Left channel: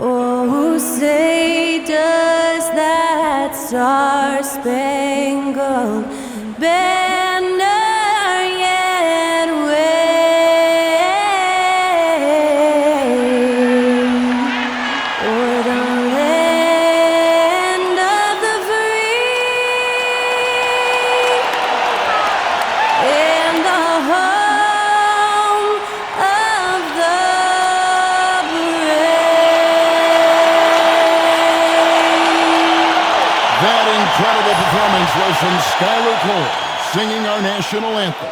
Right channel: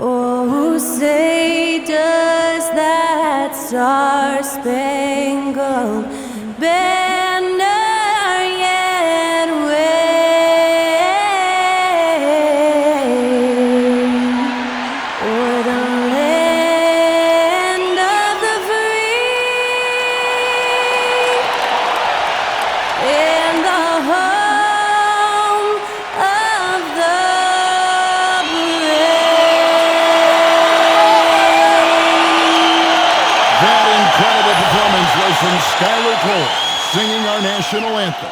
Oh, say does that star-spangled banner yet wave o'er the land of the free and the home of the That incredible performance was from Skylar Cole, singing our national anthem.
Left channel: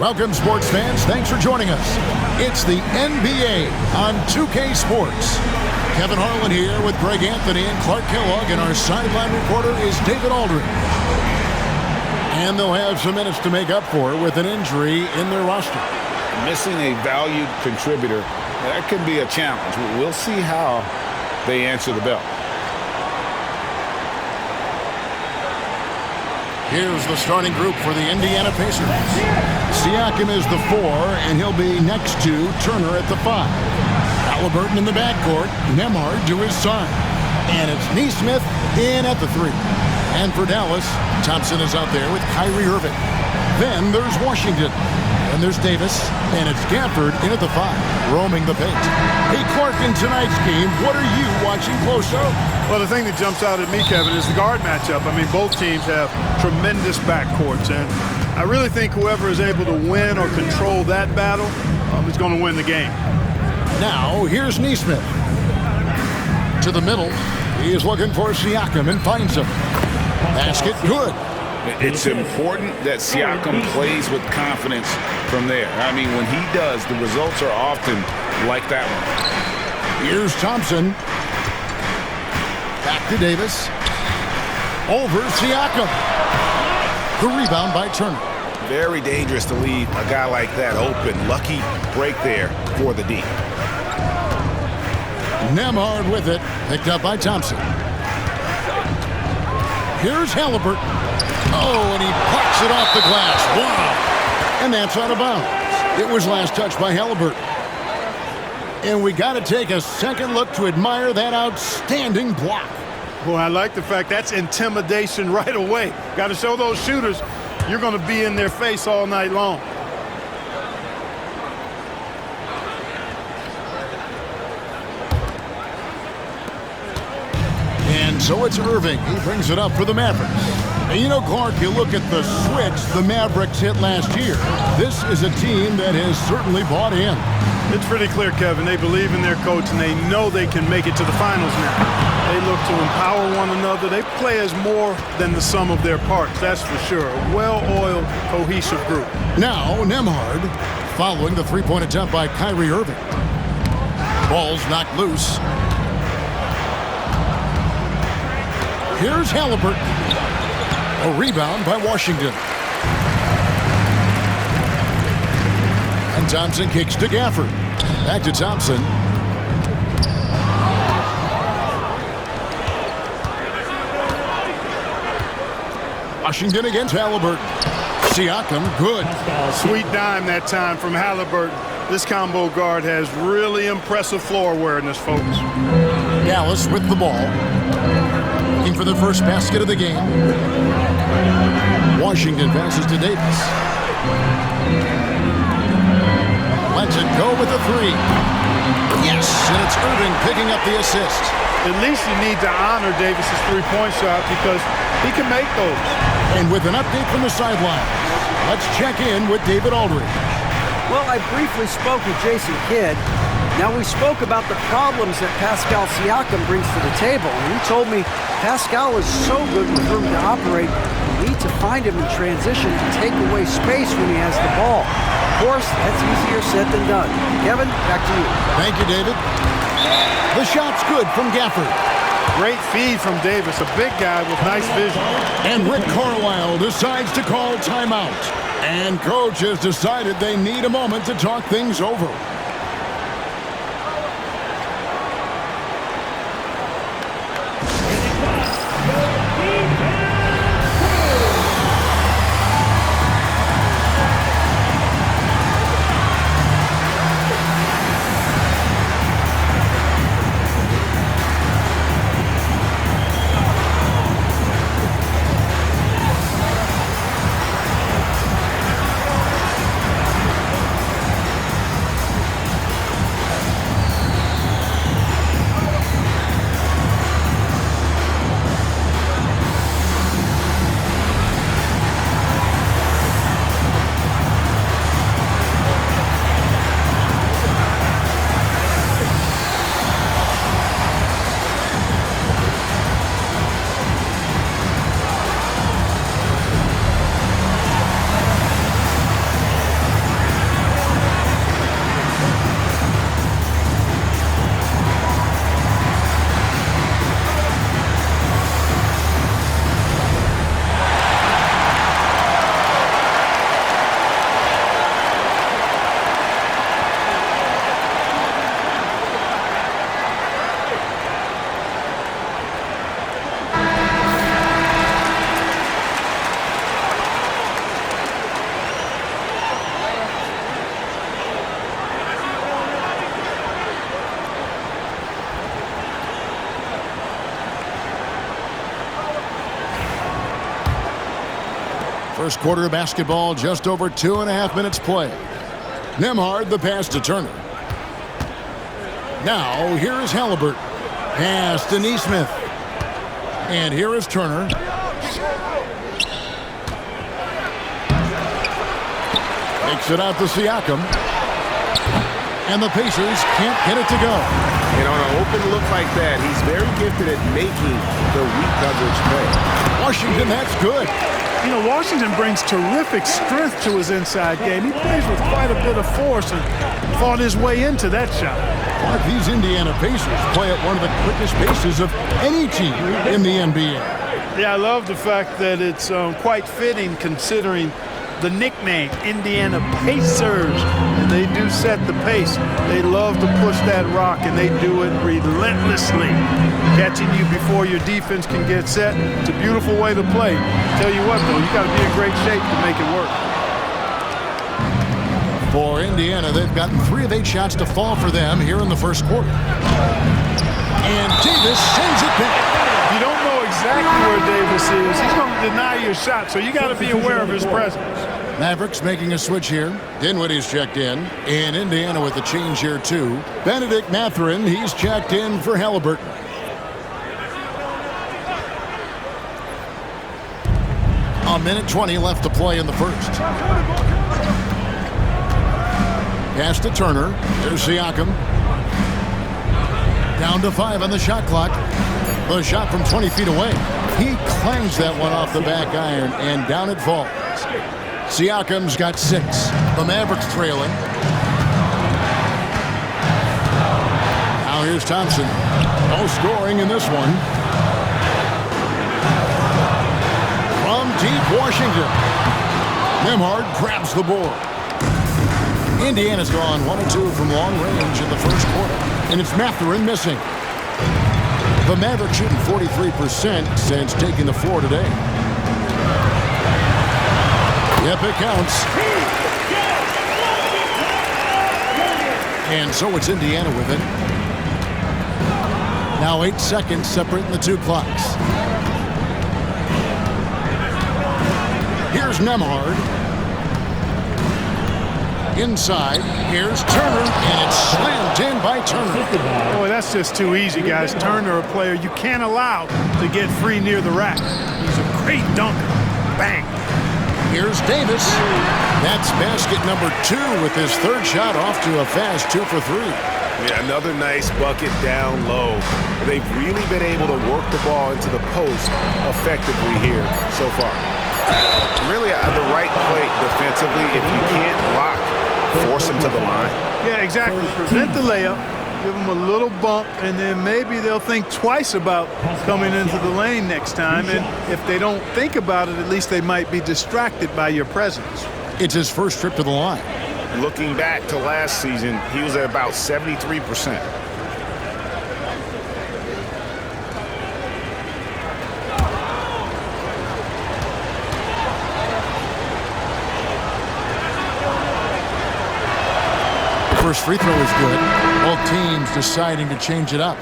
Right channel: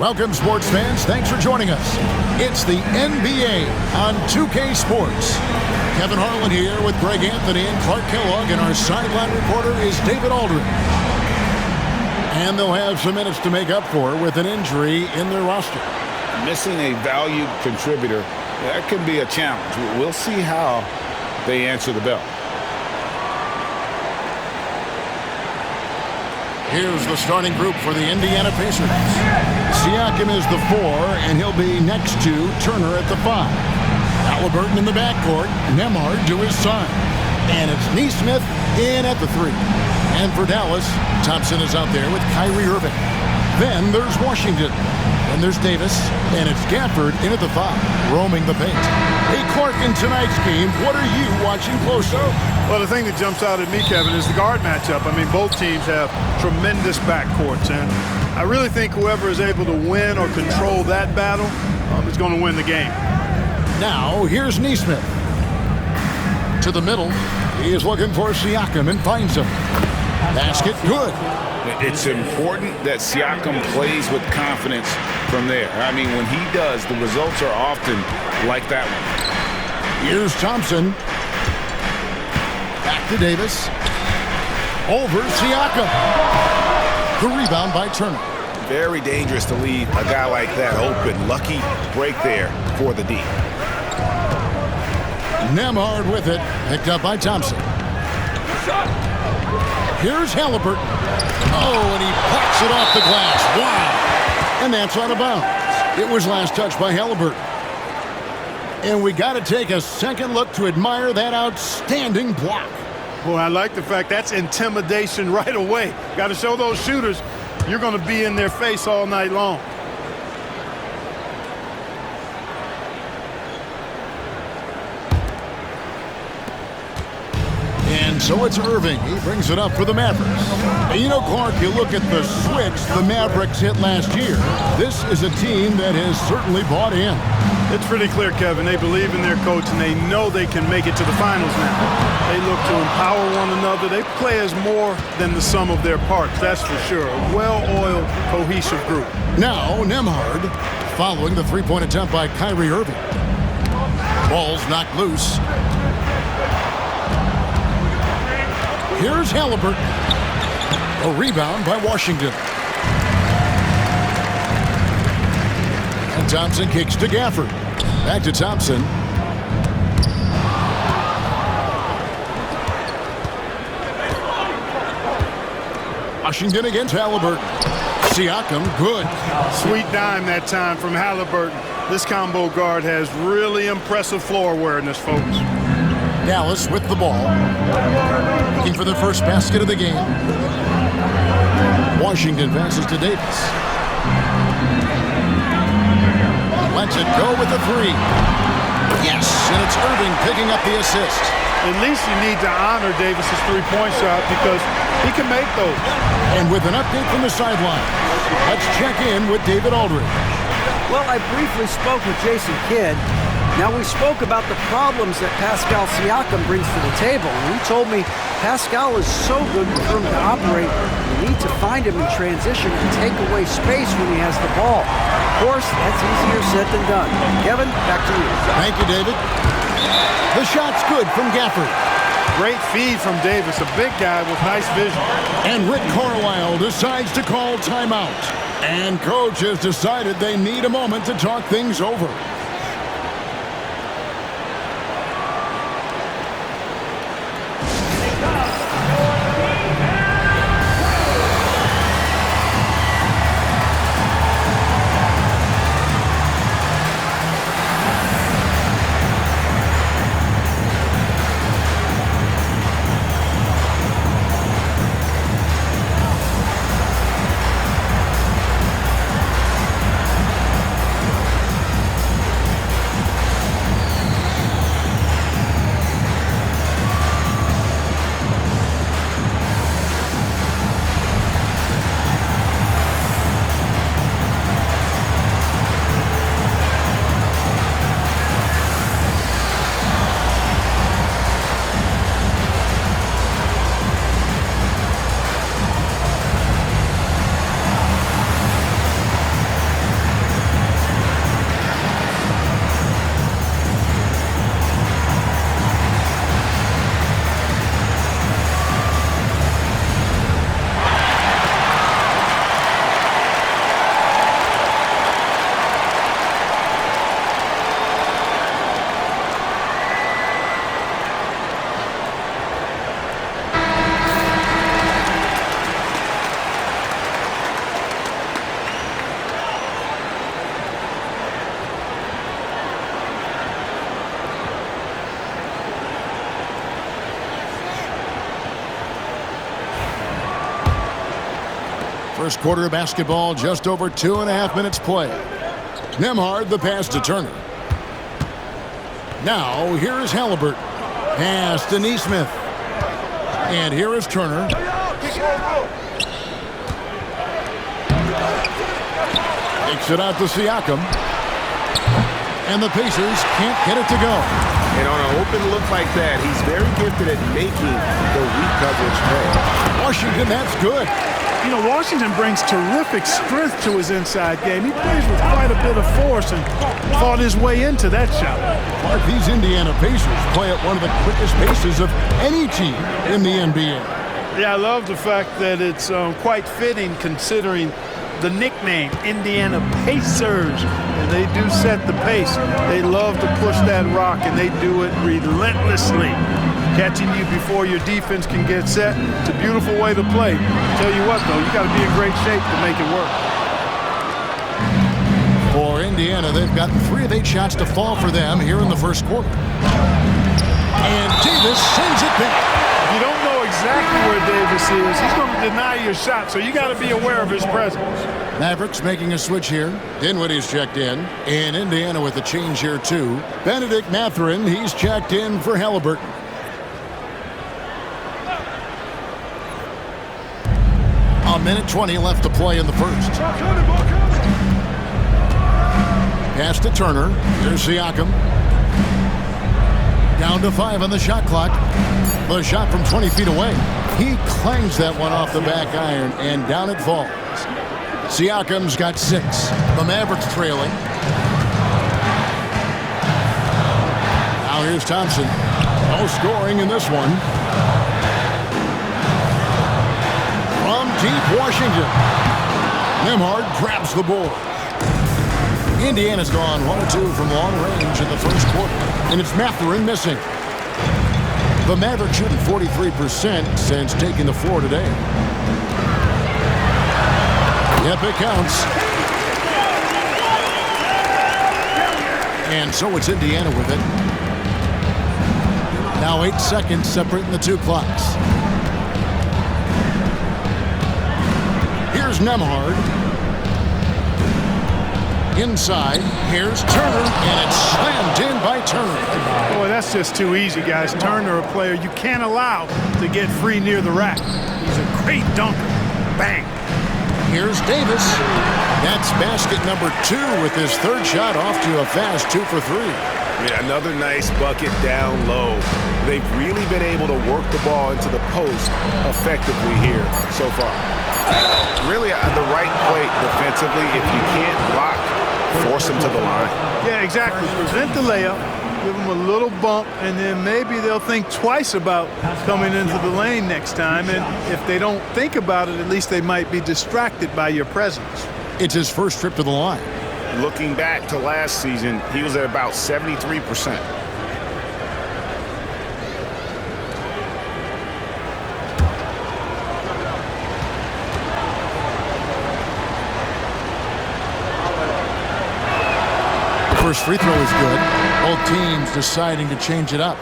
Welcome, sports fans. Thanks for joining us. It's the NBA on 2K Sports. Kevin Harlan here with Greg Anthony and Clark Kellogg, and our sideline reporter is David Aldridge. And they'll have some minutes to make up for with an injury in their roster. Missing a valued contributor, that can be a challenge. We'll see how they answer the bell. Here's the starting group for the Indiana Pacers. Siakam is the 4, and he'll be next to Turner at the 5. Halliburton in the backcourt, Nembhard to his side. And it's Nesmith in at the 3. And for Dallas, Thompson is out there with Kyrie Irving. Then there's Washington. And there's Davis. And it's Gafford in at the 5, roaming the paint. Hey, Clark, in tonight's game, what are you watching closely? Well, the thing that jumps out at me, Kevin, is the guard matchup. I mean, both teams have tremendous backcourts, and I really think whoever is able to win or control that battle is going to win the game. Now, here's Nesmith. To the middle. He is looking for Siakam and finds him. Basket, good. It's important that Siakam plays with confidence from there. I mean, when he does, the results are often like that one. Here's Thompson. Back to Davis. Over Siakam. The rebound by Turner. Very dangerous to leave a guy like that open. Lucky break there for the D. Nembhard with it. Picked up by Thompson. Here's Halliburton. Oh, and he plucks it off the glass. Wow. And that's out of bounds. It was last touched by Halliburton. And we got to take a second look to admire that outstanding block. Boy, I like the fact that's intimidation right away. Got to show those shooters you're going to be in their face all night long. And so it's Irving. He brings it up for the Mavericks. And you know, Clark, you look at the switch the Mavericks hit last year. This is a team that has certainly bought in. It's pretty clear, Kevin. They believe in their coach, and they know they can make it to the finals now. They look to empower one another. They play as more than the sum of their parts, that's for sure. A well-oiled, cohesive group. Now, Nembhard following the three-point attempt by Kyrie Irving. Ball's knocked loose. Here's Halliburton. A rebound by Washington. And Thompson kicks to Gafford. Back to Thompson. Washington against Halliburton. Siakam, good. Sweet dime that time from Halliburton. This combo guard has really impressive floor awareness, folks. Dallas with the ball. Looking for the first basket of the game. Washington passes to Davis. Lets it go with the 3. Yes, and it's Irving picking up the assist. At least you need to honor Davis's three-point shot because he can make those. And with an update from the sideline, let's check in with David Aldridge. Well, I briefly spoke with Jason Kidd. Now, we spoke about the problems that Pascal Siakam brings to the table, and he told me Pascal is so good with room to operate, you need to find him in transition and take away space when he has the ball. Of course, that's easier said than done. Kevin, back to you. Thank you, David. The shot's good from Gafford. Great feed from Davis, a big guy with nice vision. And Rick Carlisle decides to call timeout. And coach has decided they need a moment to talk things over. First quarter of basketball, just over 2.5 minutes play. Nembhard, the pass to Turner. Now, here is Halliburton. Pass to Nesmith. And here is Turner. Takes it out to Siakam. And the Pacers can't get it to go. And on an open look like that, he's very gifted at making the weak coverage pay. Washington, that's good. You know, Washington brings terrific strength to his inside game. He plays with quite a bit of force and fought his way into that shot. Clark, these Indiana Pacers play at one of the quickest paces of any team in the NBA. Yeah, I love the fact that it's quite fitting considering the nickname, Indiana Pacers. And they do set the pace. They love to push that rock, and they do it relentlessly. Catching you before your defense can get set. It's a beautiful way to play. Tell you what, though, you got to be in great shape to make it work. For Indiana, they've gotten 3 of 8 shots to fall for them here in the first quarter. And Davis sends it back. If you don't know exactly where Davis is, he's going to deny your shot, so you got to be aware of his presence. Mavericks making a switch here. Dinwiddie's checked in. And Indiana with a change here, too. Benedict Mathurin, he's checked in for Halliburton. A minute 20 left to play in the first. Pass to Turner. There's Siakam. Down to 5 on the shot clock. The shot from 20 feet away. He clangs that one off the back iron, and down it falls. Siakam's got 6. The Mavericks trailing. Now here's Thompson. No scoring in this one. From deep Washington. Nembhard grabs the board. Indiana's gone 1 of 2 from long range in the first quarter. And it's Mathurin missing. The Mavericks shooting 43% since taking the floor today. Yep, it counts. And so it's Indiana with it. Now 8 seconds separating the 2 clocks. Here's Nembhard. Inside, here's Turner, and it's slammed in by Turner. Boy, that's just too easy, guys. Turner, a player you can't allow to get free near the rack. He's a great dunker. Bang. Here's Davis. That's basket number 2 with his 3rd shot off to a fast 2 for 3. Yeah, another nice bucket down low. They've really been able to work the ball into the post effectively here so far. Really the right play defensively. If you can't block, force them to the line. Yeah, exactly. Prevent the layup, give them a little bump, and then maybe they'll think twice about coming into the lane next time. And if they don't think about it, at least they might be distracted by your presence. It's his first trip to the line. Looking back to last season, he was at about 73%. First free throw is good. Both teams deciding to change it up.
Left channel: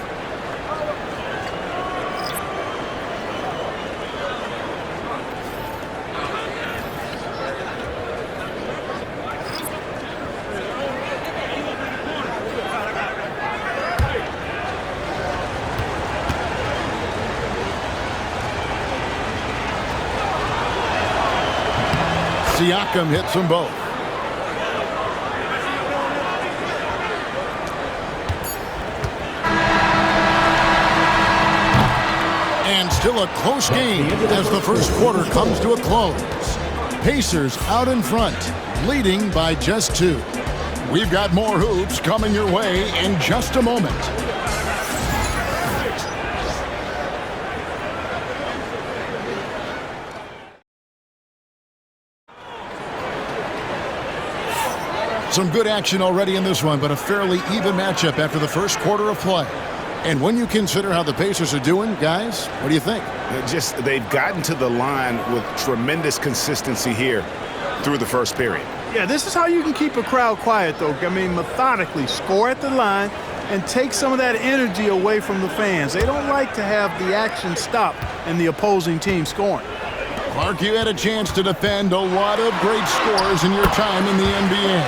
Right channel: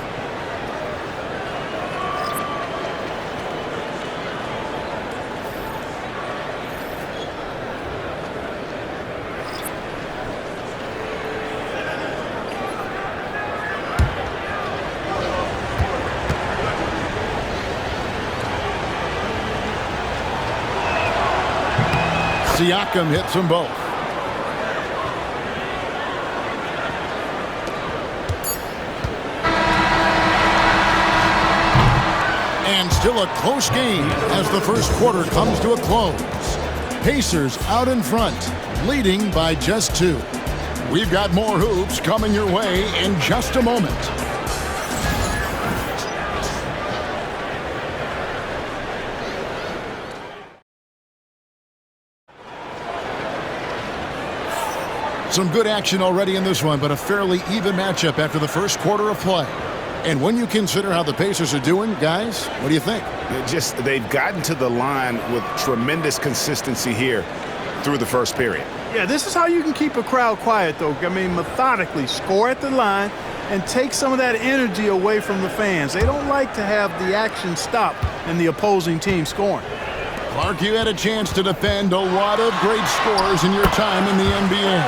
Siakam hits them both. And still a close game as the first quarter comes to a close. Pacers out in front, leading by just 2. We've got more hoops coming your way in just a moment. Some good action already in this one, but a fairly even matchup after the first quarter of play. And when you consider how the Pacers are doing, guys, what do you think? They've gotten to the line with tremendous consistency here through the first period. Yeah, this is how you can keep a crowd quiet, though. I mean, methodically score at the line and take some of that energy away from the fans. They don't like to have the action stop and the opposing team scoring. Clark, you had a chance to defend a lot of great scores in your time in the NBA.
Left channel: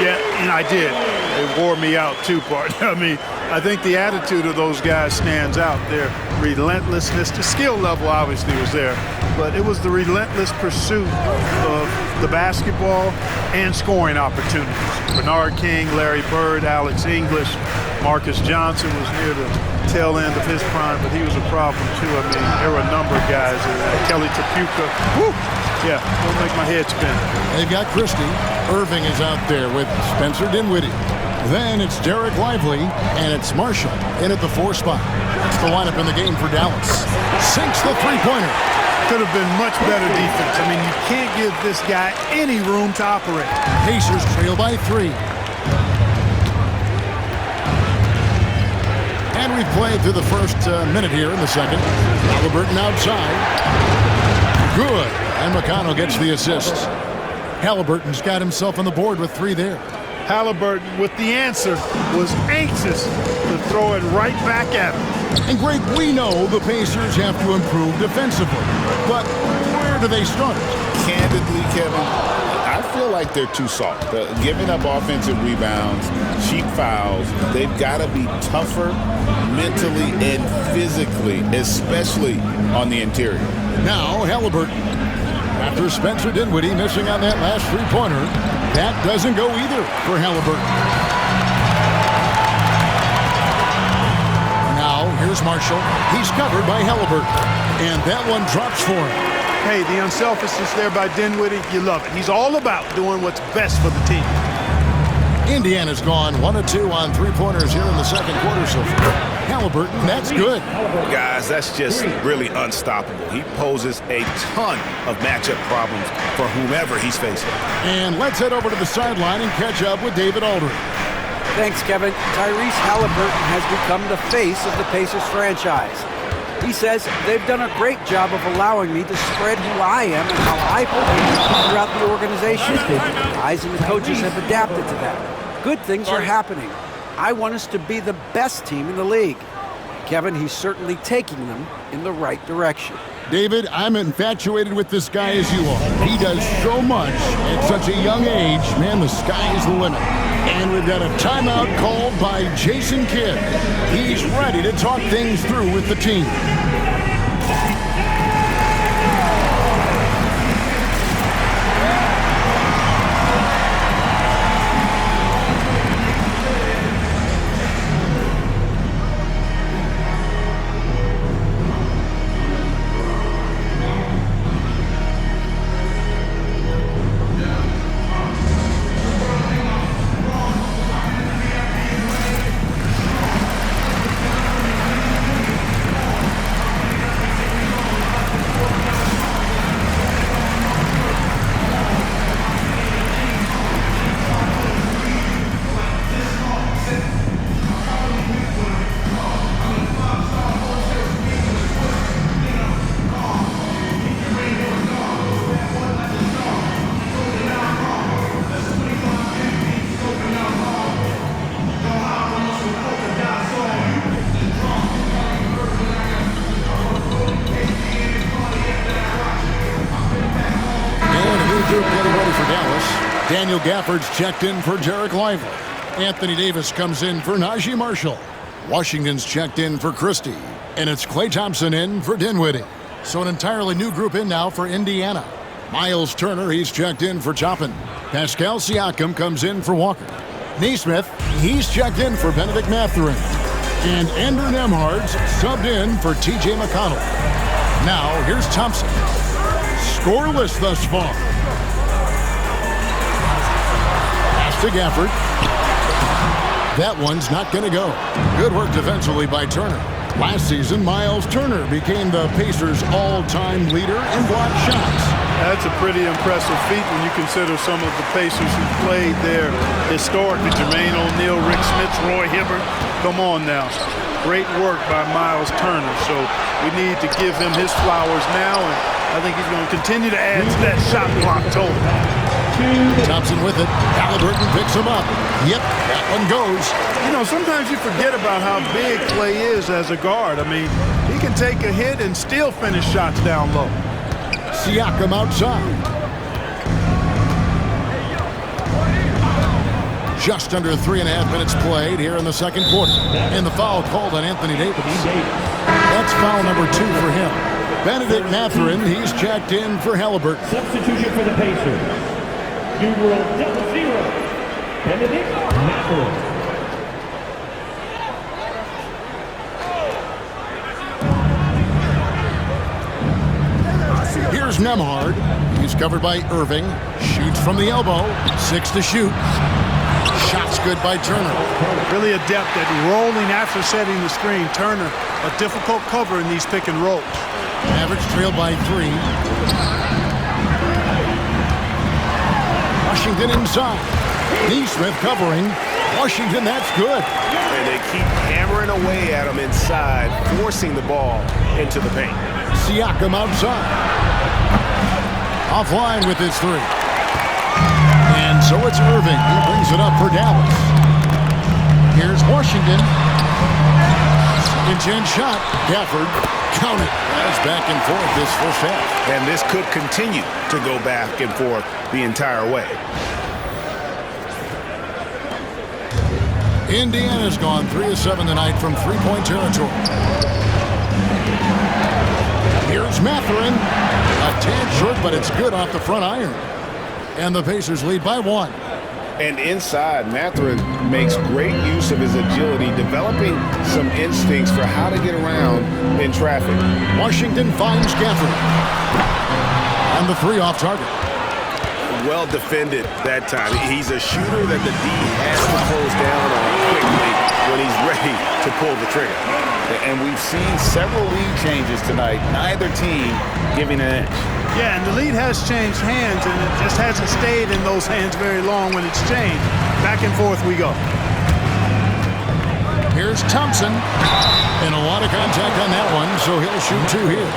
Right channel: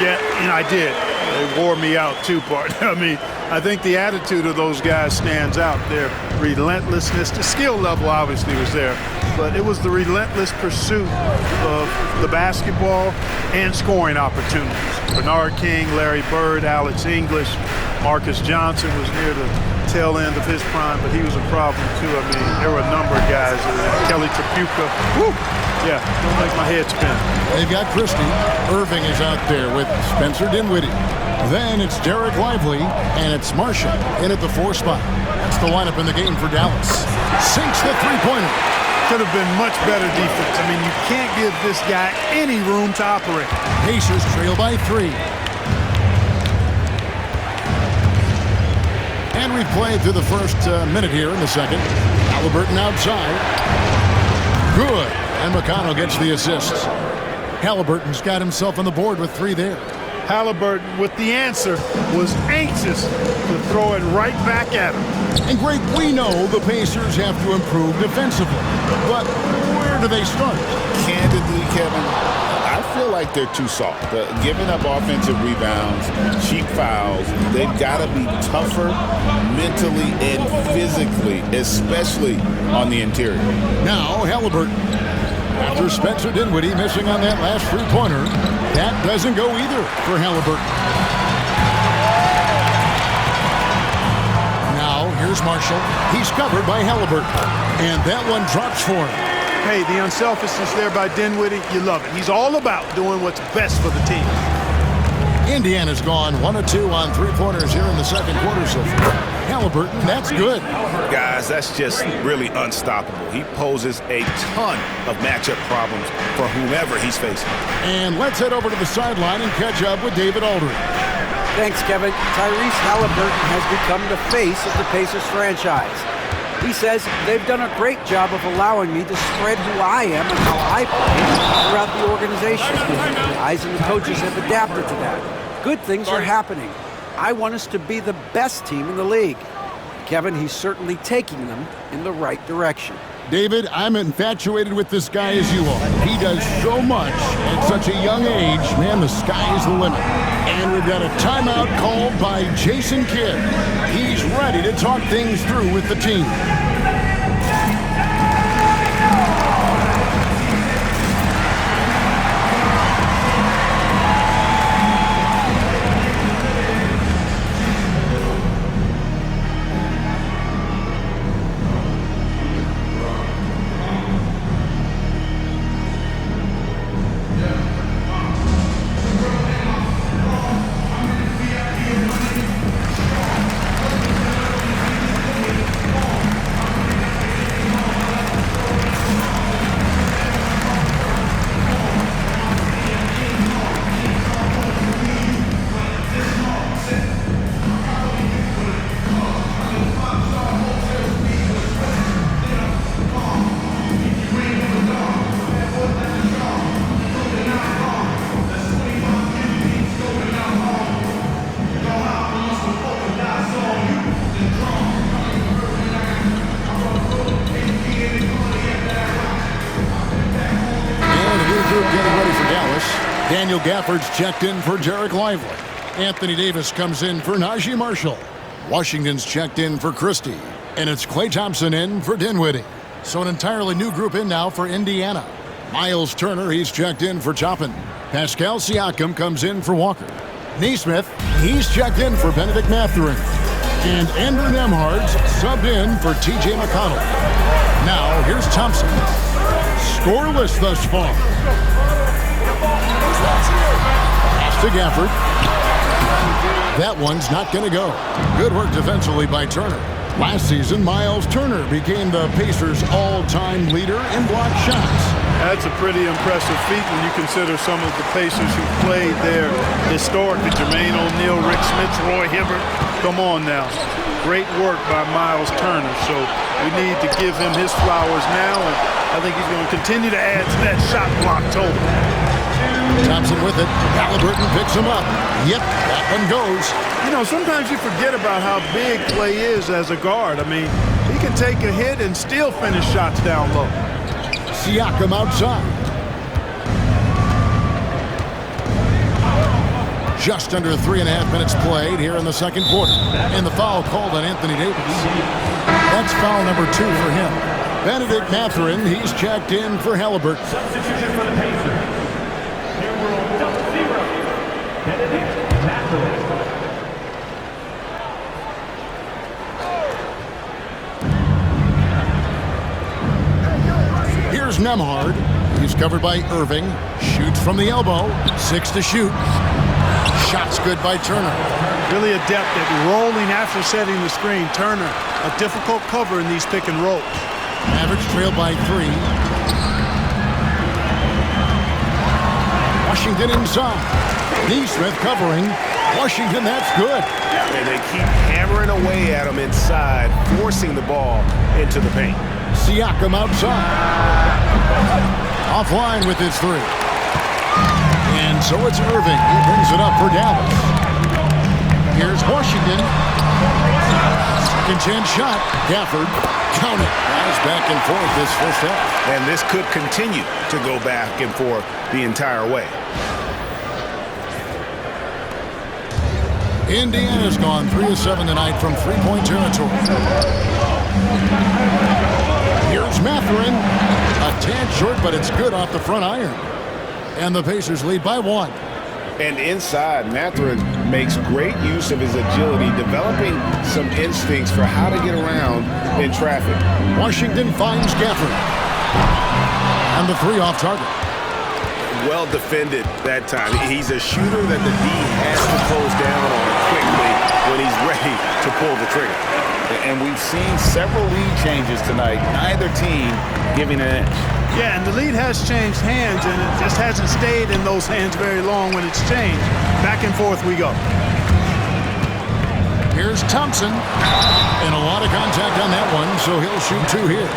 Yeah, and I did. They wore me out too, partner. I mean, I think the attitude of those guys stands out. Their relentlessness, the skill level obviously was there, but it was the relentless pursuit of the basketball and scoring opportunities. Bernard King, Larry Bird, Alex English, Marcus Johnson was near the tail end of his prime, but he was a problem too. I mean, there were a number of guys. Kelly Tripucka. Woo! Yeah, don't make my head spin. They've got Christie. Irving is out there with Spencer Dinwiddie. Then it's Derek Lively, and it's Marshall in at the 4 spot. That's the lineup in the game for Dallas. Sinks the three-pointer. Could have been much better defense. I mean, you can't give this guy any room to operate. Pacers trail by 3. And we've played through the first minute here in the second. Halliburton outside. Good. And McConnell gets the assists. Halliburton's got himself on the board with 3 there. Halliburton, with the answer, was anxious to throw it right back at him. And Greg, we know the Pacers have to improve defensively. But where do they start? Candidly, Kevin, I feel like they're too soft. Giving up offensive rebounds, cheap fouls, they've got to be tougher mentally and physically, especially on the interior. Now Halliburton. After Spencer Dinwiddie missing on that last three-pointer, that doesn't go either for Halliburton. Now here's Marshall. He's covered by Halliburton. And that one drops for him. Hey, the unselfishness there by Dinwiddie, you love it. He's all about doing what's best for the team. Indiana's gone 1 of 2 on three-pointers here in the second quarter so far. Halliburton, that's good. Guys, that's just really unstoppable. He poses a ton of matchup problems for whomever he's facing. And let's head over to the sideline and catch up with David Aldridge. Thanks, Kevin. Tyrese Halliburton has become the face of the Pacers franchise. He says they've done a great job of allowing me to spread who I am and how I play throughout the organization. The guys and the coaches have adapted to that. Good things are happening. I want us to be the best team in the league. Kevin, he's certainly taking them in the right direction. David, I'm infatuated with this guy as you are. He does so much at such a young age. Man, the sky is the limit. And we've got a timeout called by Jason Kidd. He's ready to talk things through with the team. Getting ready for Dallas. Daniel Gafford's checked in for Derek Lively. Anthony Davis comes in for Najee Marshall. Washington's checked in for Christie. And it's Klay Thompson in for Dinwiddie. So an entirely new group in now for Indiana. Miles Turner, he's checked in for Toppin. Pascal Siakam comes in for Walker. Naismith, he's checked in for Benedict Mathurin. And Andrew Nembhard's subbed in for TJ McConnell. Now here's Thompson. Scoreless thus far. Pass to Gafford. That one's not going to go. Good work defensively by Turner. Last season, Miles Turner became the Pacers' all-time leader in block shots. That's a pretty impressive feat when you consider some of the Pacers who played there historically. Jermaine O'Neal, Rick Smith, Roy Hibbert. Come on now. Great work by Miles Turner. So we need to give him his flowers now, and I think he's going to continue to add to that shot block total. Thompson with it. Halliburton picks him up. Yep, that one goes. You know, sometimes you forget about how big Klay is as a guard. I mean, he can take a hit and still finish shots down low. Siakam outside. Just under 3.5 minutes played here in the second quarter. And the foul called on Anthony Davis. That's foul number 2 for him. Benedict Mathurin, he's checked in for Halliburton. Substitution for the Pacers. Numeral 0, Benedict Mathurin. Here's Nembhard. He's covered by Irving. Shoots from the elbow. 6 to shoot. Shot's good by Turner. Really adept at rolling after setting the screen. Turner, a difficult cover in these pick and rolls. Mavericks trail by 3. Washington inside. Neesmith covering. Washington, that's good. And they keep hammering away at him inside, forcing the ball into the paint. Siakam outside. Offline with his 3. And so it's Irving. He brings it up for Dallas. Here's Washington. Second chance shot. Gafford. Count it. Guys back and forth this first half. And this could continue to go back and forth the entire way. Indiana's gone 3 of 7 tonight from three-point territory. Here's Mathurin. A tad short, but it's good off the front iron. And the Pacers lead by 1. And inside, Mathurin makes great use of his agility, developing some instincts for how to get around in traffic. Washington finds Gafford. And the 3 off target. Well defended that time. He's a shooter that the D has to close down on quickly when he's ready to pull the trigger. And we've seen several lead changes tonight, neither team giving an inch. Yeah, and the lead has changed hands, and it just hasn't stayed in those hands very long when it's changed. Back and forth we go. Here's Thompson. And a lot of contact on that one, so he'll shoot 2 here.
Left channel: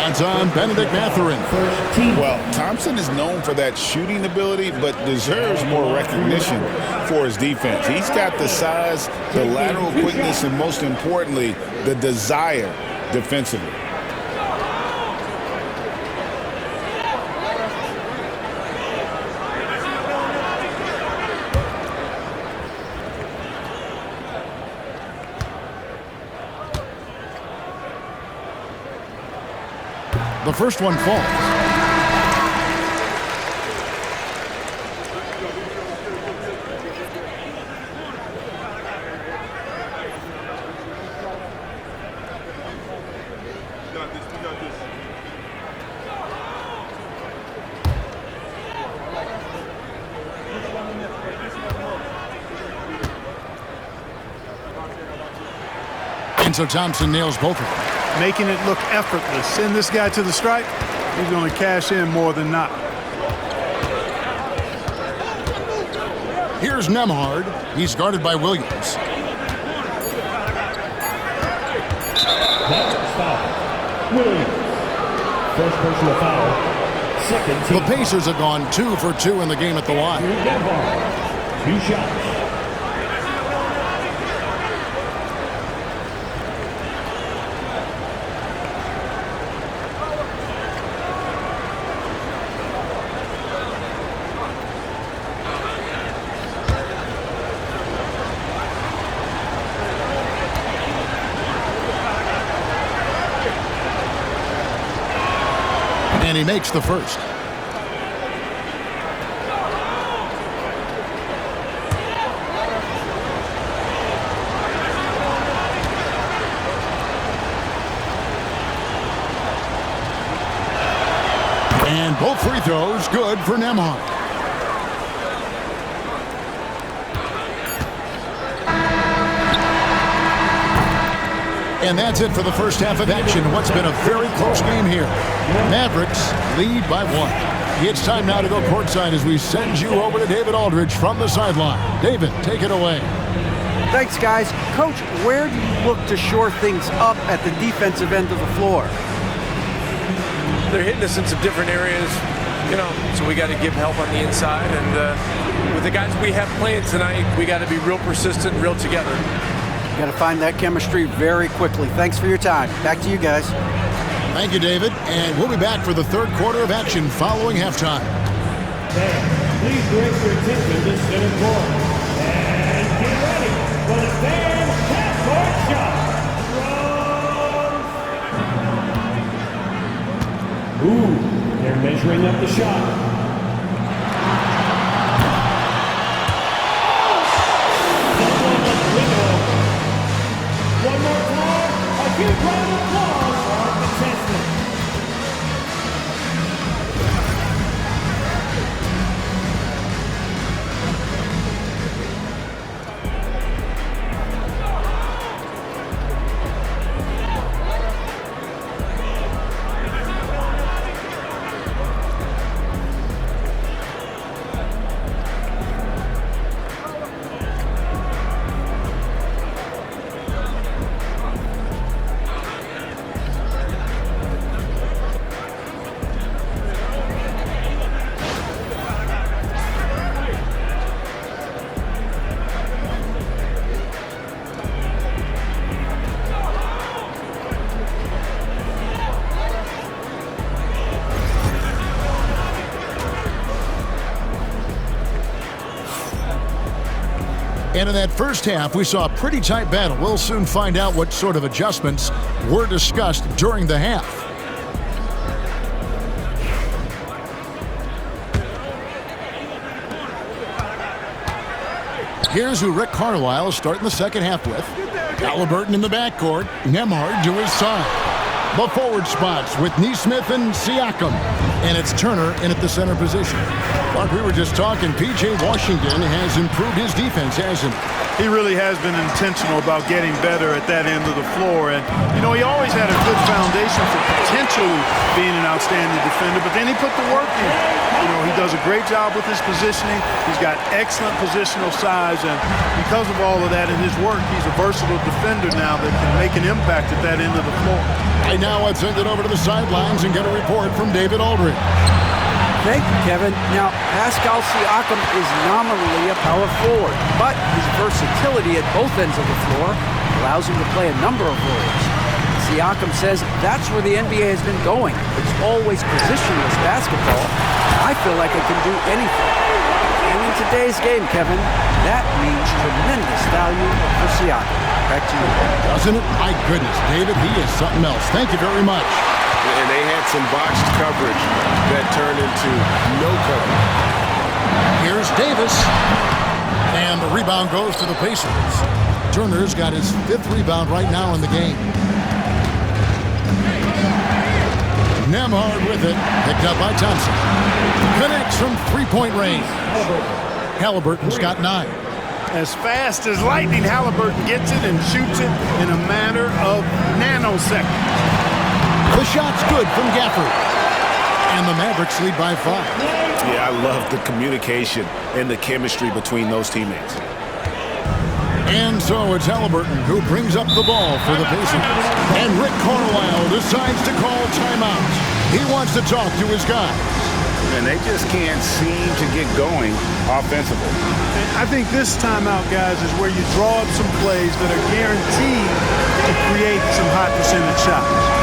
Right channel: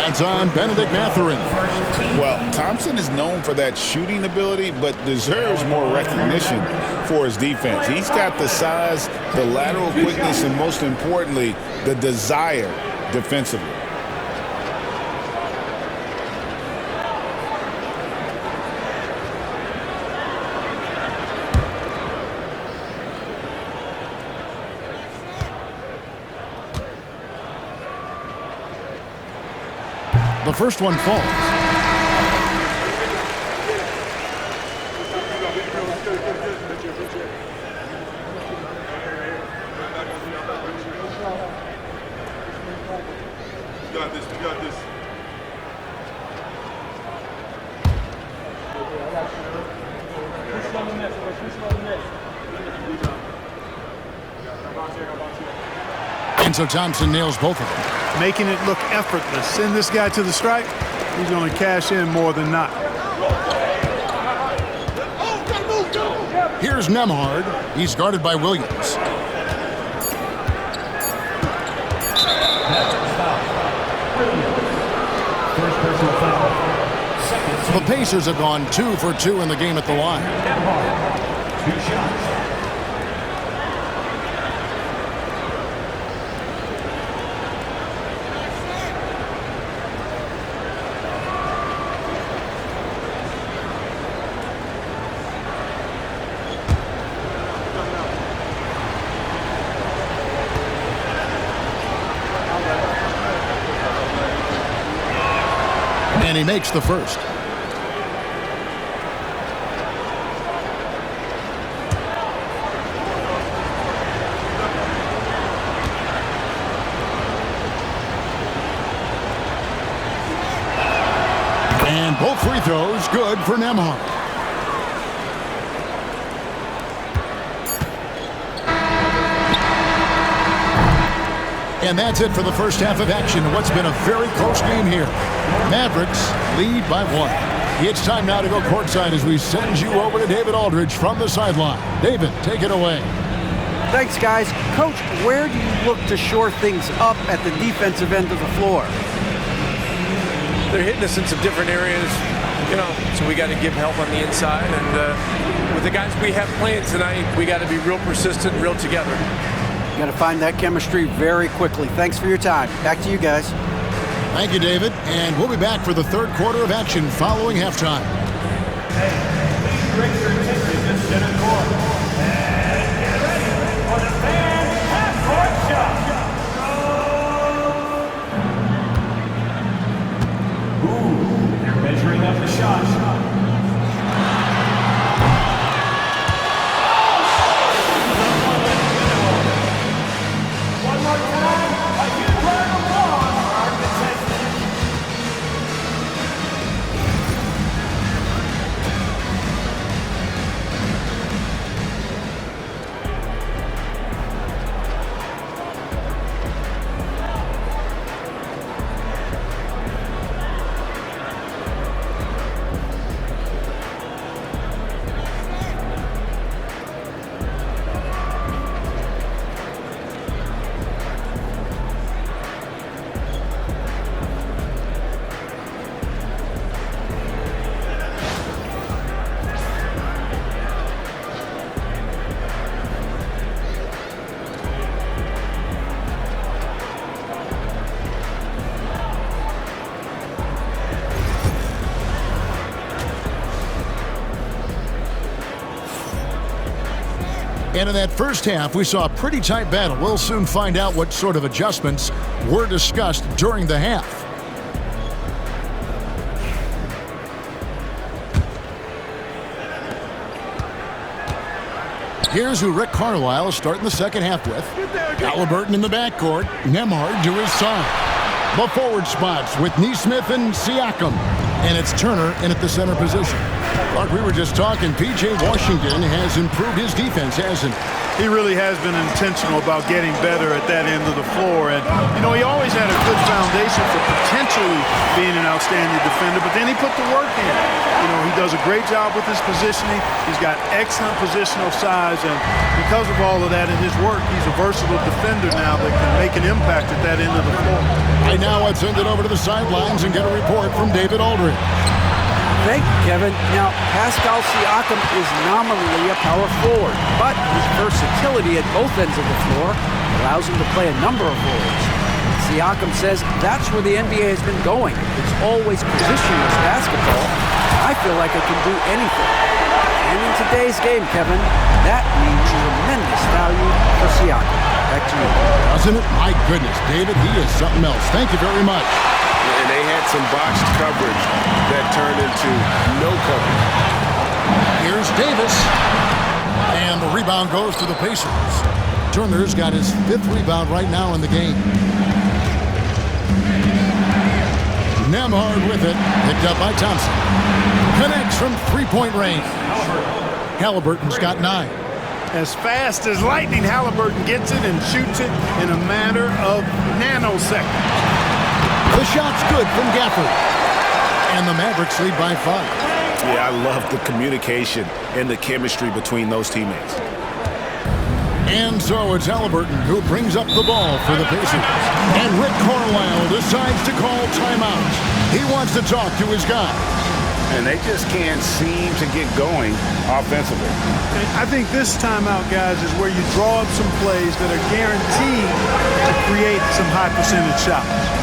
That's on Benedict Mathurin. Well, Thompson is known for that shooting ability, but deserves more recognition for his defense. He's got the size, the lateral quickness, and most importantly, the desire defensively. The first one falls. We got this. And so Thompson nails both of them. Making it look effortless. Send this guy to the stripe. He's going to cash in more than not. Here's Nembhard. He's guarded by Williams. First personal foul. Second team. The Pacers have gone 2 for 2 in the game at the line. 2 shots. And he makes the first. And both free throws good for Nembhard. And that's it for the first half of action. What's been a very close game here. Mavericks lead by 1. It's time now to go courtside as we send you over to David Aldridge from the sideline. David, take it away. Thanks, guys. Coach, where do you look to shore things up at the defensive end of the floor? They're hitting us in some different areas, so we got to give help on the inside. And with the guys we have playing tonight, we got to be real persistent, real together. You got to find that chemistry very quickly. Thanks for your time. Back to you guys. Thank you, David. And we'll be back for the third quarter of action following halftime. Fans, please direct your attention to center court. And get ready for the fan half-court shot. Ooh, they're measuring up the shot. One more time, a huge round of applause for our contestants. And in that first half, we saw a pretty tight battle. We'll soon find out what sort of adjustments were discussed during the half. Here's who Rick Carlisle is starting the second half with. Halliburton in the backcourt, Nembhard to his side. The forward spots with Nesmith and Siakam. And it's Turner in at the center position. Like we were just talking, P.J. Washington has improved his defense, hasn't he? He really has been intentional about getting better at that end of the floor. And, you know, he always had a good foundation for potentially being an outstanding defender, but then he put the work in. You know, he does a great job with his positioning. He's got excellent positional size, and because of all of that in his work, he's a versatile defender now that can make an impact at that end of the floor. Right now, let's send it over to the sidelines and get a report from David Aldridge. Thank you, Kevin. Now, Pascal Siakam is nominally a power forward, but his versatility at both ends of the floor allows him to play a number of roles. Siakam says that's where the NBA has been going. It's always positionless basketball. I feel like I can do anything. And in today's game, Kevin, that means tremendous value for Siakam. Back to you. Doesn't it? My goodness, David, he is something else. Thank you very much. And they had some botched coverage that turned into no coverage. Here's Davis. And the rebound goes to the Pacers. Turner's got his 5th rebound right now in the game. Nembhard with it. Picked up by Thompson. Connects from three-point range. Halliburton's got 9. As fast as lightning, Halliburton gets it and shoots it in a matter of nanoseconds. The shot's good from Gafford. And the Mavericks lead by 5. Yeah, I love the communication and the chemistry between those teammates. And so it's Halliburton who brings up the ball for the Pacers. And Rick Carlisle decides to call timeout. He wants to talk to his guys. And they just can't seem to get going offensively. And I think this timeout, guys, is where you draw up some plays that are guaranteed to create some high percentage shots.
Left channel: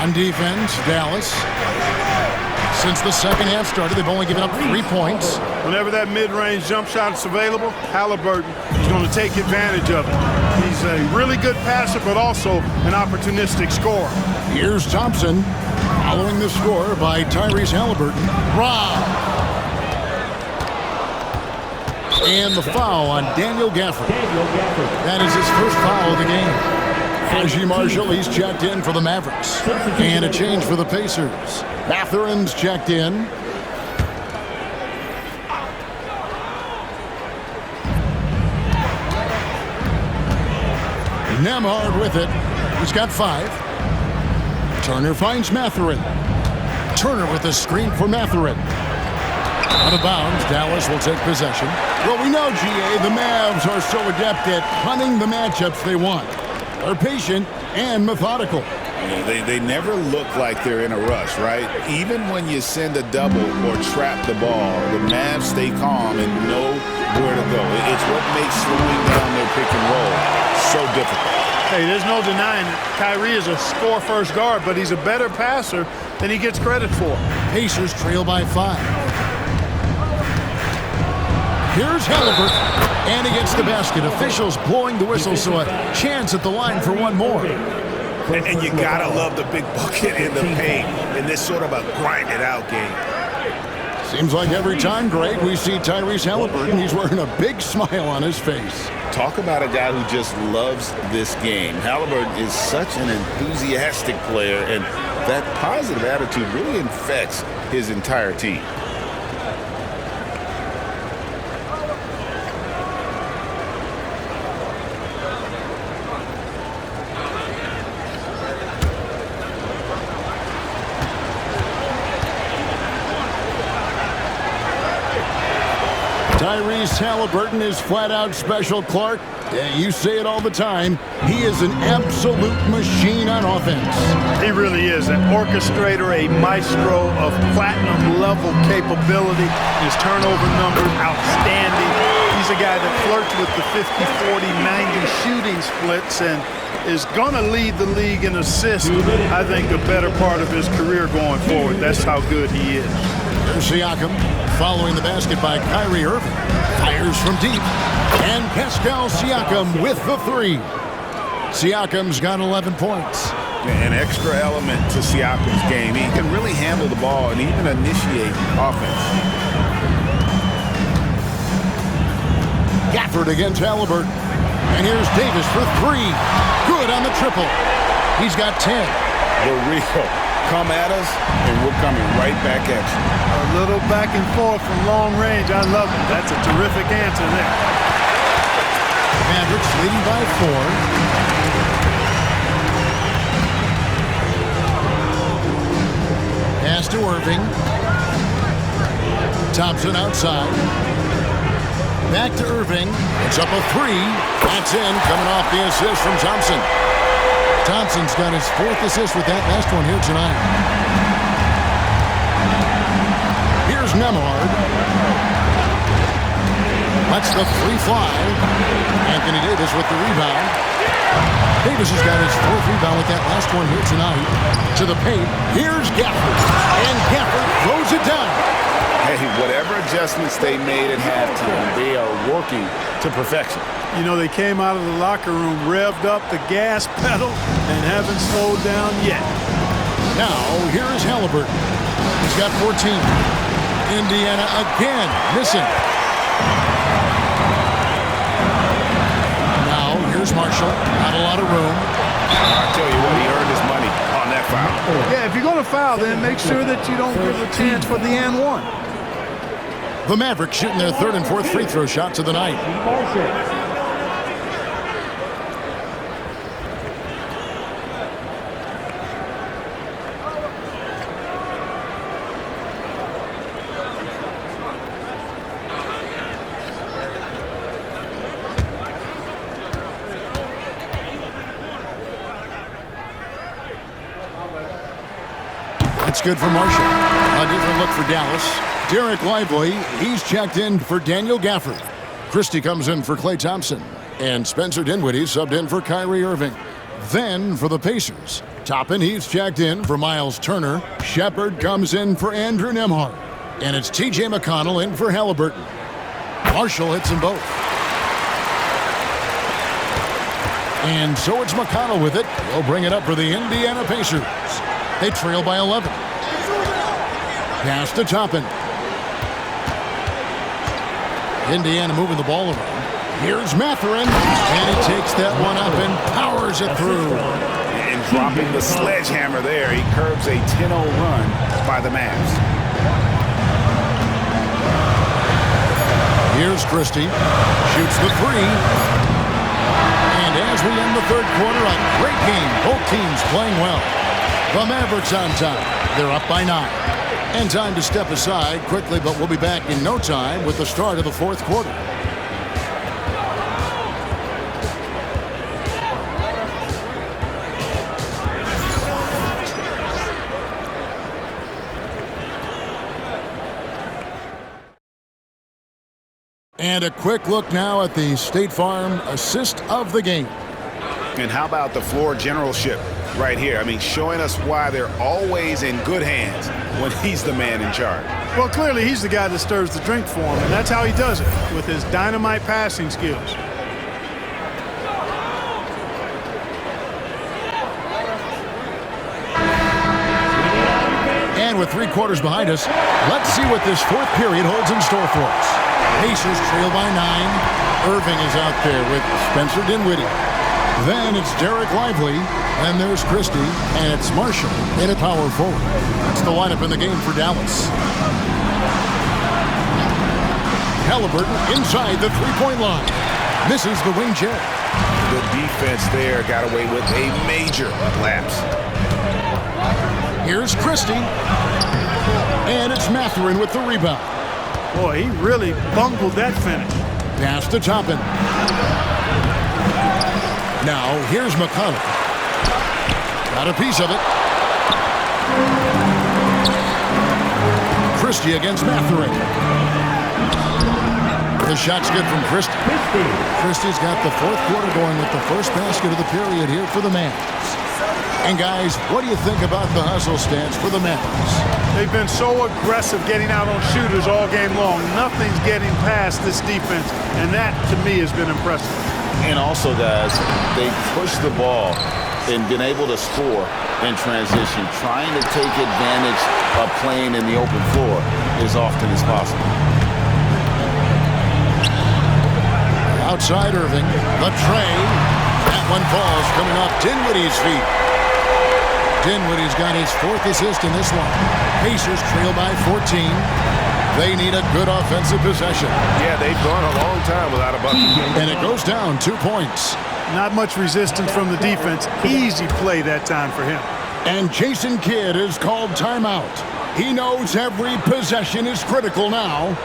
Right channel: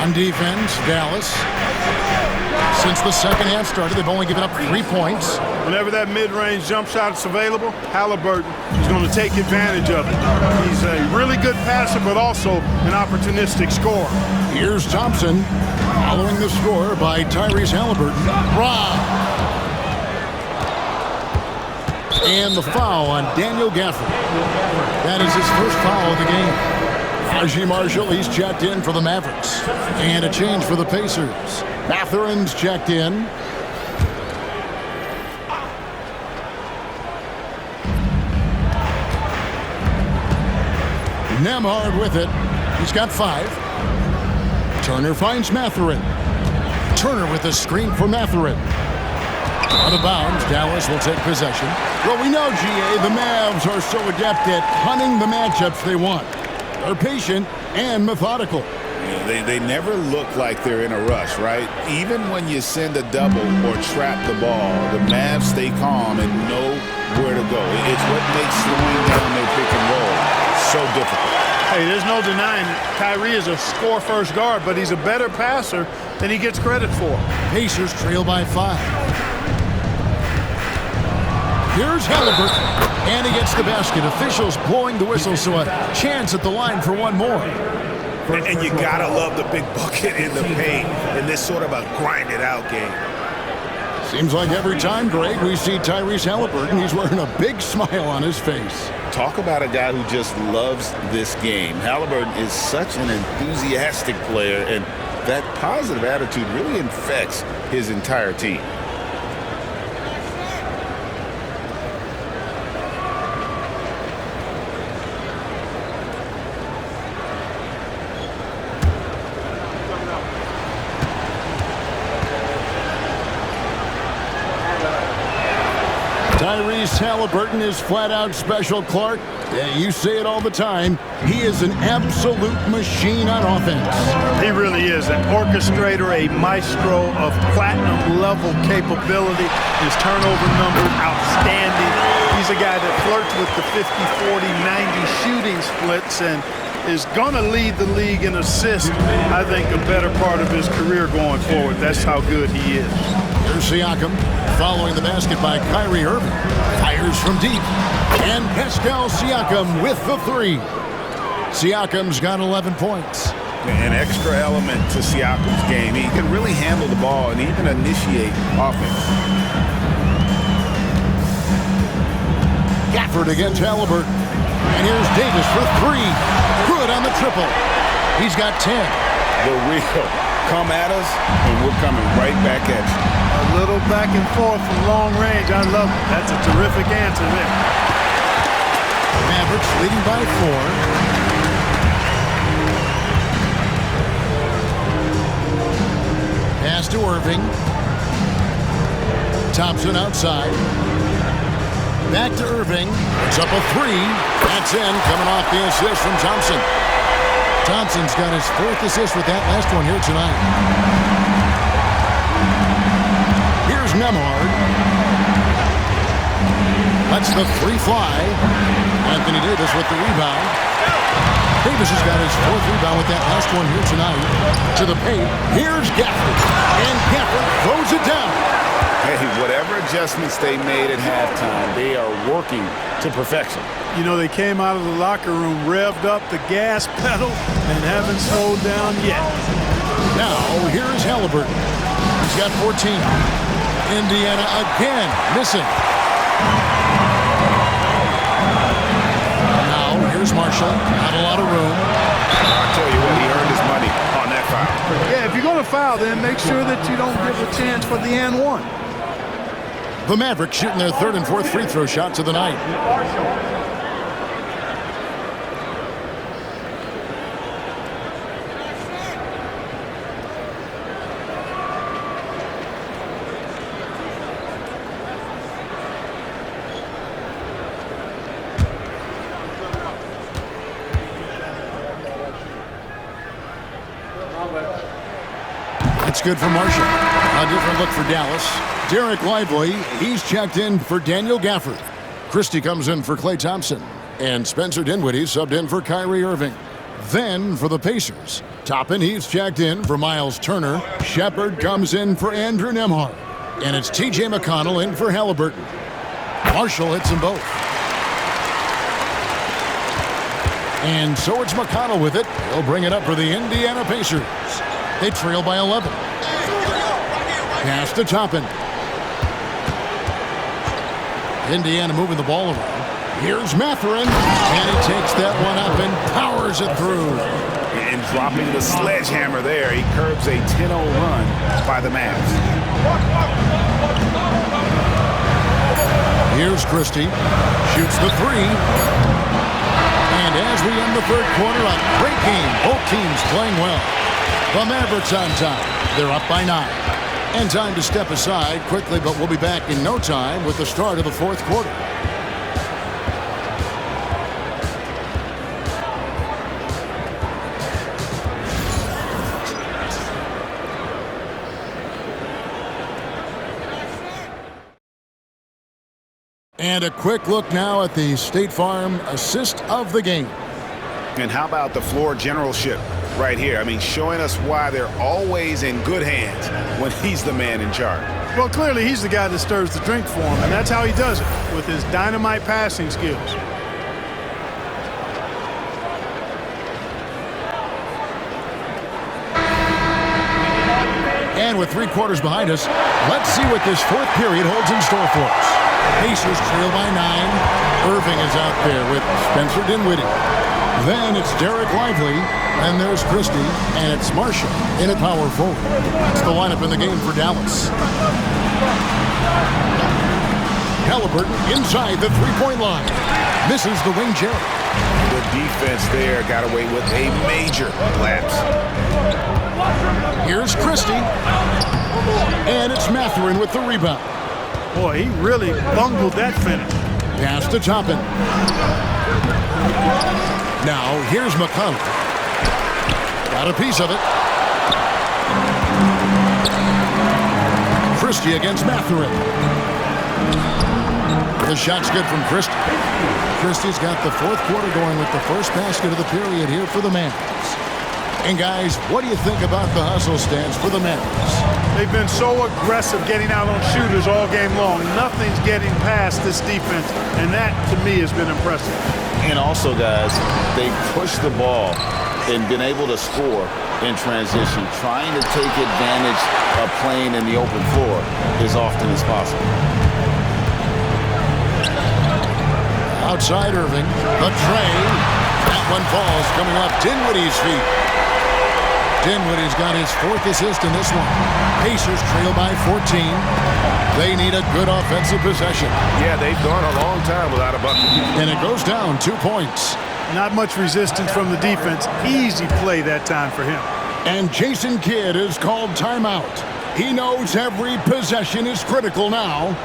On defense, Dallas. Since the second half started, they've only given up 3 points. Whenever that mid-range jump shot is available, Halliburton is going to take advantage of it. He's a really good passer, but also an opportunistic scorer. Here's Thompson, following the score by Tyrese Halliburton. Rob. And the foul on Daniel Gafford. That is his first foul of the game. Najee Marshall, he's checked in for the Mavericks. And a change for the Pacers. Matherin's checked in. Nembhard with it. He's got 5. Turner finds Matherin. Turner with a screen for Matherin. Out of bounds, Dallas will take possession. Well, we know, GA, the Mavs are so adept at hunting the matchups they want. They're patient and methodical. Yeah, they never look like they're in a rush, right? Even when you send a double or trap the ball, the Mavs stay calm and know where to go. It's what makes slowing down their pick and roll so difficult. Hey, there's no denying that Kyrie is a score-first guard, but he's a better passer than he gets credit for. Pacers trail by 5. Here's Halliburton, and he gets the basket. Officials blowing the whistle, so a chance at the line for one more. And you got to love the big bucket in the paint in this sort of a grind-it-out game. Seems like every time, Greg, we see Tyrese Halliburton, he's wearing a big smile on his face. Talk about a guy who just loves this game. Halliburton is such an enthusiastic player, and that positive attitude really infects his entire team. Tyrese Halliburton is flat-out special, Clark. Yeah, you say it all the time. He is an absolute machine on offense. He really is an orchestrator, a maestro of platinum-level capability. His turnover numbers, outstanding. He's a guy that flirts with the 50, 40, 90 shooting splits and is going to lead the league in assists, I think, the better part of his career going forward. That's how good he is. Here's Siakam, following the basket by Kyrie Irving. Fires from deep. And Pascal Siakam with the 3. Siakam's got 11 points. An extra element to Siakam's game. He can really handle the ball and even initiate offense. Gafford against Halliburton. And here's Davis for 3. Good on the triple. He's got 10. The real. Come at us, and we're coming right back at you. A little back and forth from long range. I love it. That's a terrific answer there. Mavericks leading by 4. Pass to Irving. Thompson outside. Back to Irving. It's up a 3. That's in, coming off the assist from Thompson. Thompson's got his 4th assist with that last one here tonight. Here's Nembhard. Lets the 3 fly. Anthony Davis with the rebound. Davis has got his 4th rebound with that last one here tonight. To the paint. Here's Gafford. And Gafford throws it down. Hey, whatever adjustments they made at halftime, they are working to perfection. You know, they came out of the locker room, revved up the gas pedal, and haven't slowed down yet. Now, here is Halliburton. He's got 14. Indiana again, missing. Now, here's Marshall. Not a lot of room. I'll tell you what, he earned his money on that foul. Yeah, if you're going to foul, then make sure that you don't give a chance for the and one. The Mavericks shooting their 3rd and 4th free throw shots of the night. That's good for Marshall. A different look for Dallas. Derek Lively, he's checked in for Daniel Gafford. Christie comes in for Klay Thompson. And Spencer Dinwiddie subbed in for Kyrie Irving. Then for the Pacers, Toppin, he's checked in for Miles Turner. Shepard comes in for Andrew Nembhard. And it's T.J. McConnell in for Halliburton. Marshall hits them both. And so it's McConnell with it. He'll bring it up for the Indiana Pacers. They trail by 11. Pass to Toppin. Indiana moving the ball around. Here's Mathurin. And he takes that one up and powers it through. And dropping the sledgehammer there, he curbs a 10-0 run by the Mavs. Here's Christie. Shoots the three. And as we end the third quarter, a great game. Both teams playing well. The Mavericks on top. They're up by 9. And time to step aside quickly, but we'll be back in no time with the start of the fourth quarter. And a quick look now at the State Farm assist of the game. And how about the floor generalship right here? I mean, showing us why they're always in good hands when he's the man in charge. Well, clearly he's the guy that stirs the drink for him, and that's how he does it, with his dynamite passing skills. And with 3 quarters behind us, let's see what this fourth period holds in store for us. Pacers trail by 9. Irving is out there with Spencer Dinwiddie. Then it's Derek Lively, and there's Christie, and it's Marshall in at power forward. That's the lineup in the game for Dallas. Halliburton inside the three-point line. Misses the wing Jerry. The defense there got away with a major lapse. Here's Christie. And it's Mathurin with the rebound. Boy, he really bungled that finish. Pass to Toppin. Now, here's McConnell. Got a piece of it. Christie against Mathurin. The shot's good from Christie. Christie's got the fourth quarter going with the first basket of the period here for the Mavs. And guys, what do you think about the hustle stance for the Mavericks? They've been so aggressive getting out on shooters all game long. Nothing's getting past this defense, and that, to me, has been impressive. And also, guys, they pushed the ball and been able to score in transition, trying to take advantage of playing in the open floor as often as possible. Outside Irving, the tray. That one falls coming off Dinwiddie's feet. Dinwiddie's got his 4th assist in this one. Pacers trail by 14. They need a good offensive possession. Yeah, they've gone a long time without a bucket. And it goes down 2 points. Not much resistance from the defense. Easy play that time for him. And Jason Kidd is called timeout. He knows every possession is critical now.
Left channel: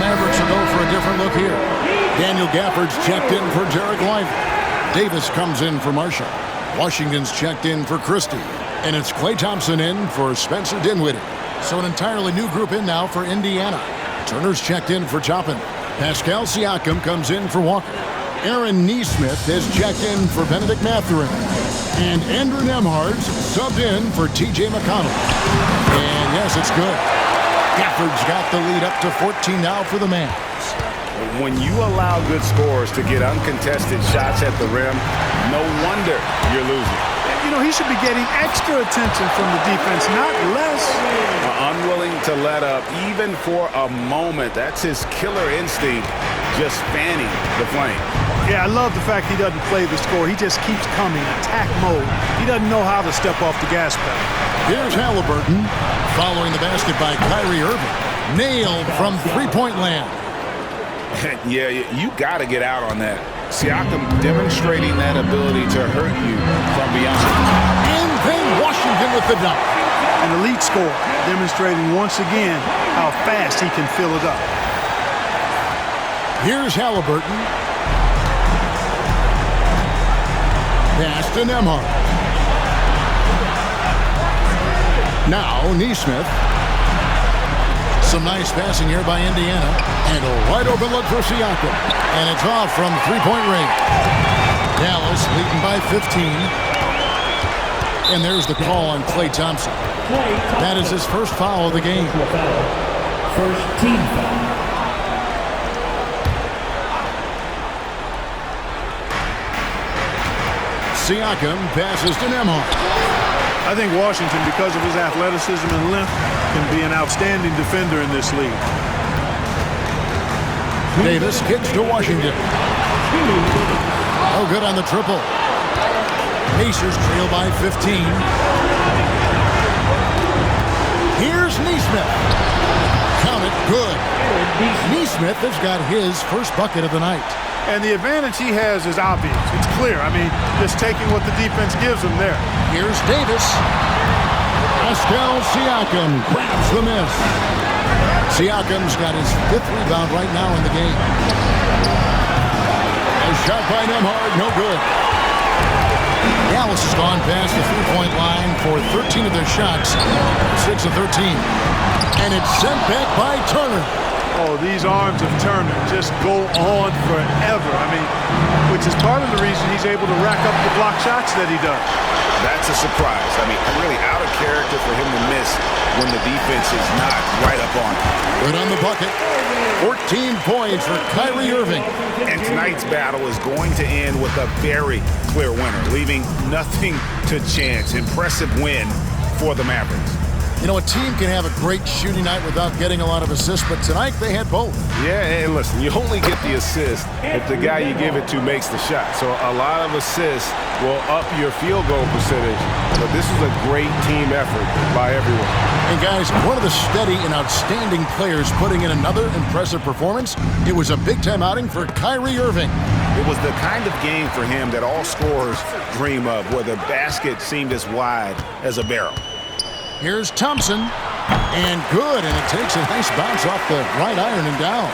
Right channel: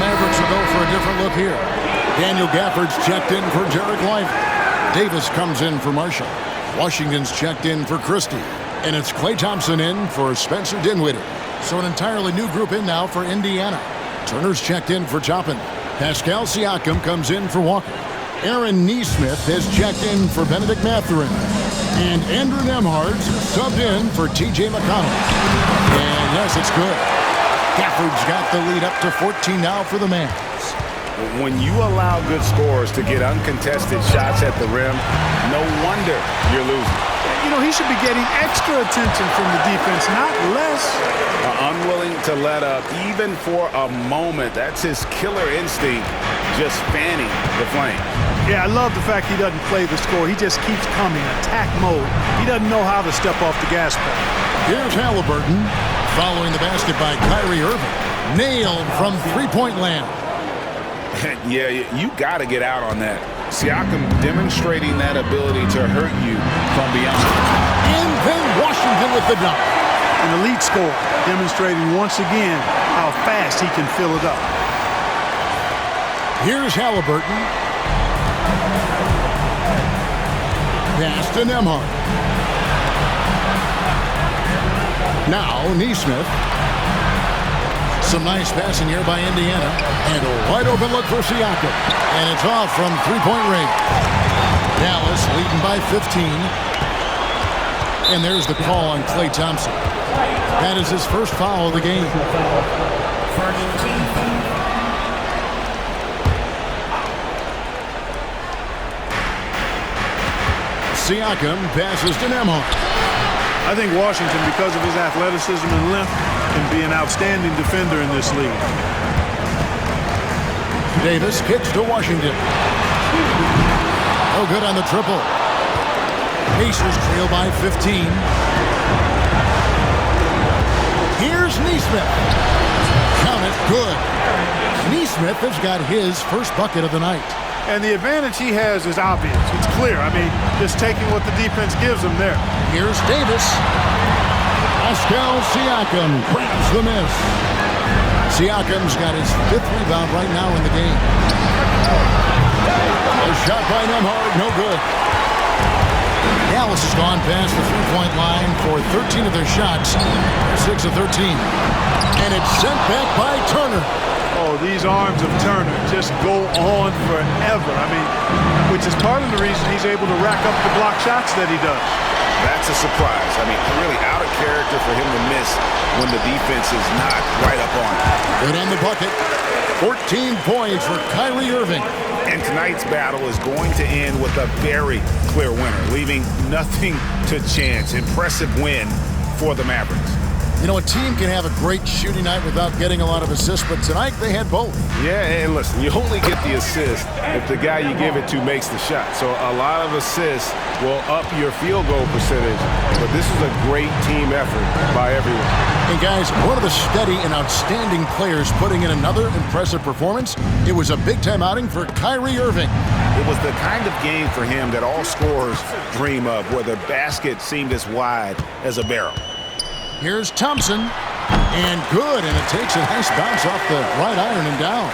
Mavericks will go for a different look here. Daniel Gafford's checked in for Derek Lively. Davis comes in for Marshall. Washington's checked in for Christie. And it's Klay Thompson in for Spencer Dinwiddie. So an entirely new group in now for Indiana. Turner's checked in for Toppin. Pascal Siakam comes in for Walker. Aaron Neesmith has checked in for Benedict Mathurin. And Andrew Nemhard's subbed in for T.J. McConnell. And yes, it's good. Gafford's got the lead up to 14 now for the Mavs. When you allow good scorers to get uncontested shots at the rim, no wonder you're losing. You know, he should be getting extra attention from the defense, not less. Unwilling to let up even for a moment. That's his killer instinct, just fanning the flame. Yeah, I love the fact he doesn't play the score. He just keeps coming, attack mode. He doesn't know how to step off the gas pedal. Here's Halliburton following the basket by Kyrie Irving. Nailed from three-point land. Yeah, you got to get out on that. Siakam demonstrating that ability to hurt you from beyond. And then Washington with the dunk. An elite scorer, demonstrating once again how fast he can fill it up. Here's Halliburton. Pass to Nemhard. Now Neesmith. Some nice passing here by Indiana. And a wide open look for Siakam. And it's off from three-point range. Dallas leading by 15. And there's the call on Klay Thompson. That is his first foul of the game. First team foul. Siakam passes to Nemhard. I think Washington, because of his athleticism and length, can be an outstanding defender in this league. Davis kicks to Washington. Oh, good on the triple. Pacers trail by 15. Here's Neesmith. Count it, good. Neesmith has got his first bucket of the night. And the advantage he has is obvious. It's clear. I mean, just taking what the defense gives him there. Here's Davis. Pascal Siakam grabs the miss. Siakam's got his fifth rebound right now in the game. A shot by Nemhard, no good. Dallas has gone past the three-point line for 13 of their shots, 6 of 13. And it's sent back by Turner. Oh, these arms of Turner just go on forever. I mean, which is part of the reason he's able to rack up the block shots that he does. That's a surprise. I mean, really out of character for him to miss when the defense is not right up on him. Good on the bucket. 14 points for Kyrie Irving. And tonight's battle is going to end with a very clear winner, leaving nothing to chance. Impressive win for the Mavericks. You know, a team can have a great shooting night without getting a lot of assists, but tonight they had both. Yeah, and listen, you only get the assist if the guy you give it to makes the shot. So a lot of assists will up your field goal percentage, but this was a great team effort by everyone. And guys, one of the steady and outstanding players putting in another impressive performance, it was a big-time outing for Kyrie Irving. It was the kind of game for him that all scorers dream of, where the basket seemed as wide as a barrel. Here's Thompson, and good, and it takes a nice bounce off the right iron and down.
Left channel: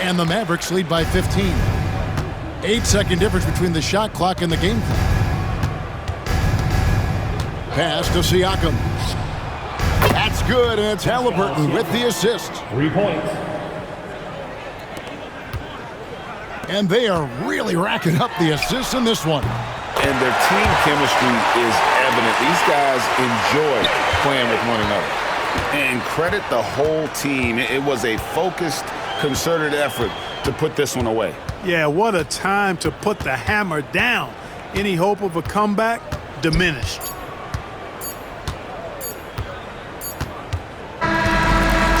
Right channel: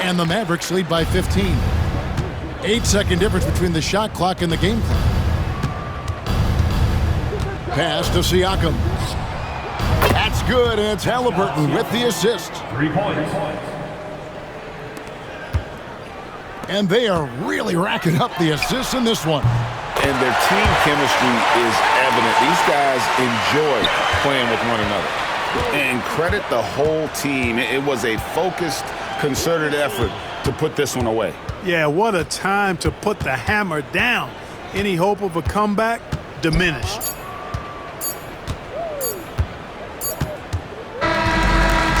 And the Mavericks lead by 15. 8-second difference between the shot clock and the game clock. Pass to Siakam. That's good, and it's Halliburton with the assist. 3 points. And they are really racking up the assists in this one. And their team chemistry is evident. These guys enjoy playing with one another. And credit the whole team. It was a focused, concerted effort to put this one away. Yeah, what a time to put the hammer down. Any hope of a comeback diminished.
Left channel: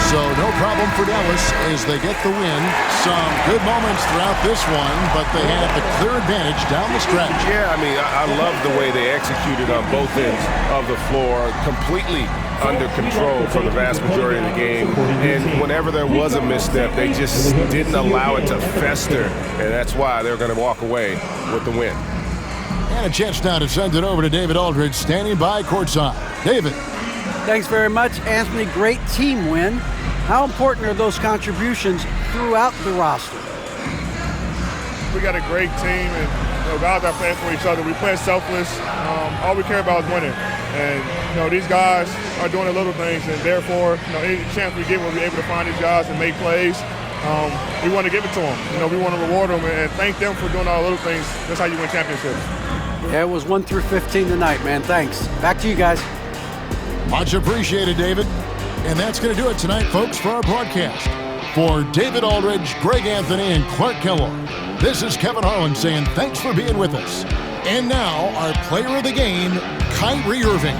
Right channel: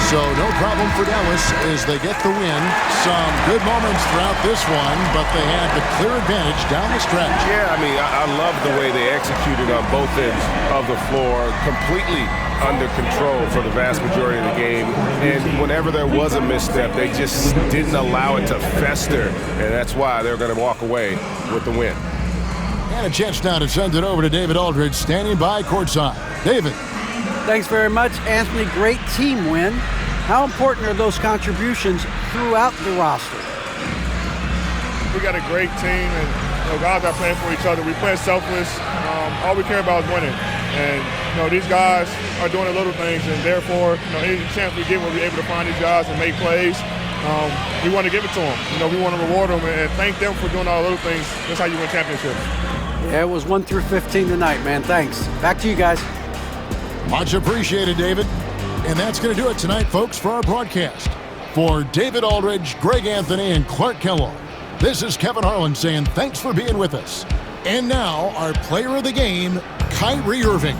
So no problem for Dallas as they get the win. Some good moments throughout this one, but they had the clear advantage down the stretch. Yeah, I mean, I love the way they executed on both ends of the floor, completely under control for the vast majority of the game. And whenever there was a misstep, they just didn't allow it to fester, and that's why they're going to walk away with the win. And a chance now to send it over to David Aldridge, standing by courtside. David. Thanks very much, Anthony. Great team win. How important are those contributions throughout the roster? We got a great team, and guys are playing for each other. We play selfless. All we care about is winning. And these guys are doing the little things, and therefore, any chance we get, we'll be able to find these guys and make plays. we want to give it to them. You know, we want to reward them and thank them for doing all the little things. That's how you win championships. Yeah, it was 1 through 15 tonight, man. Thanks. Back to you guys. Much appreciated, David. And that's going to do it tonight, folks, for our broadcast. For David Aldridge, Greg Anthony, and Clark Kellogg, this is Kevin Harlan saying thanks for being with us. And now, our player of the game, Kyrie Irving.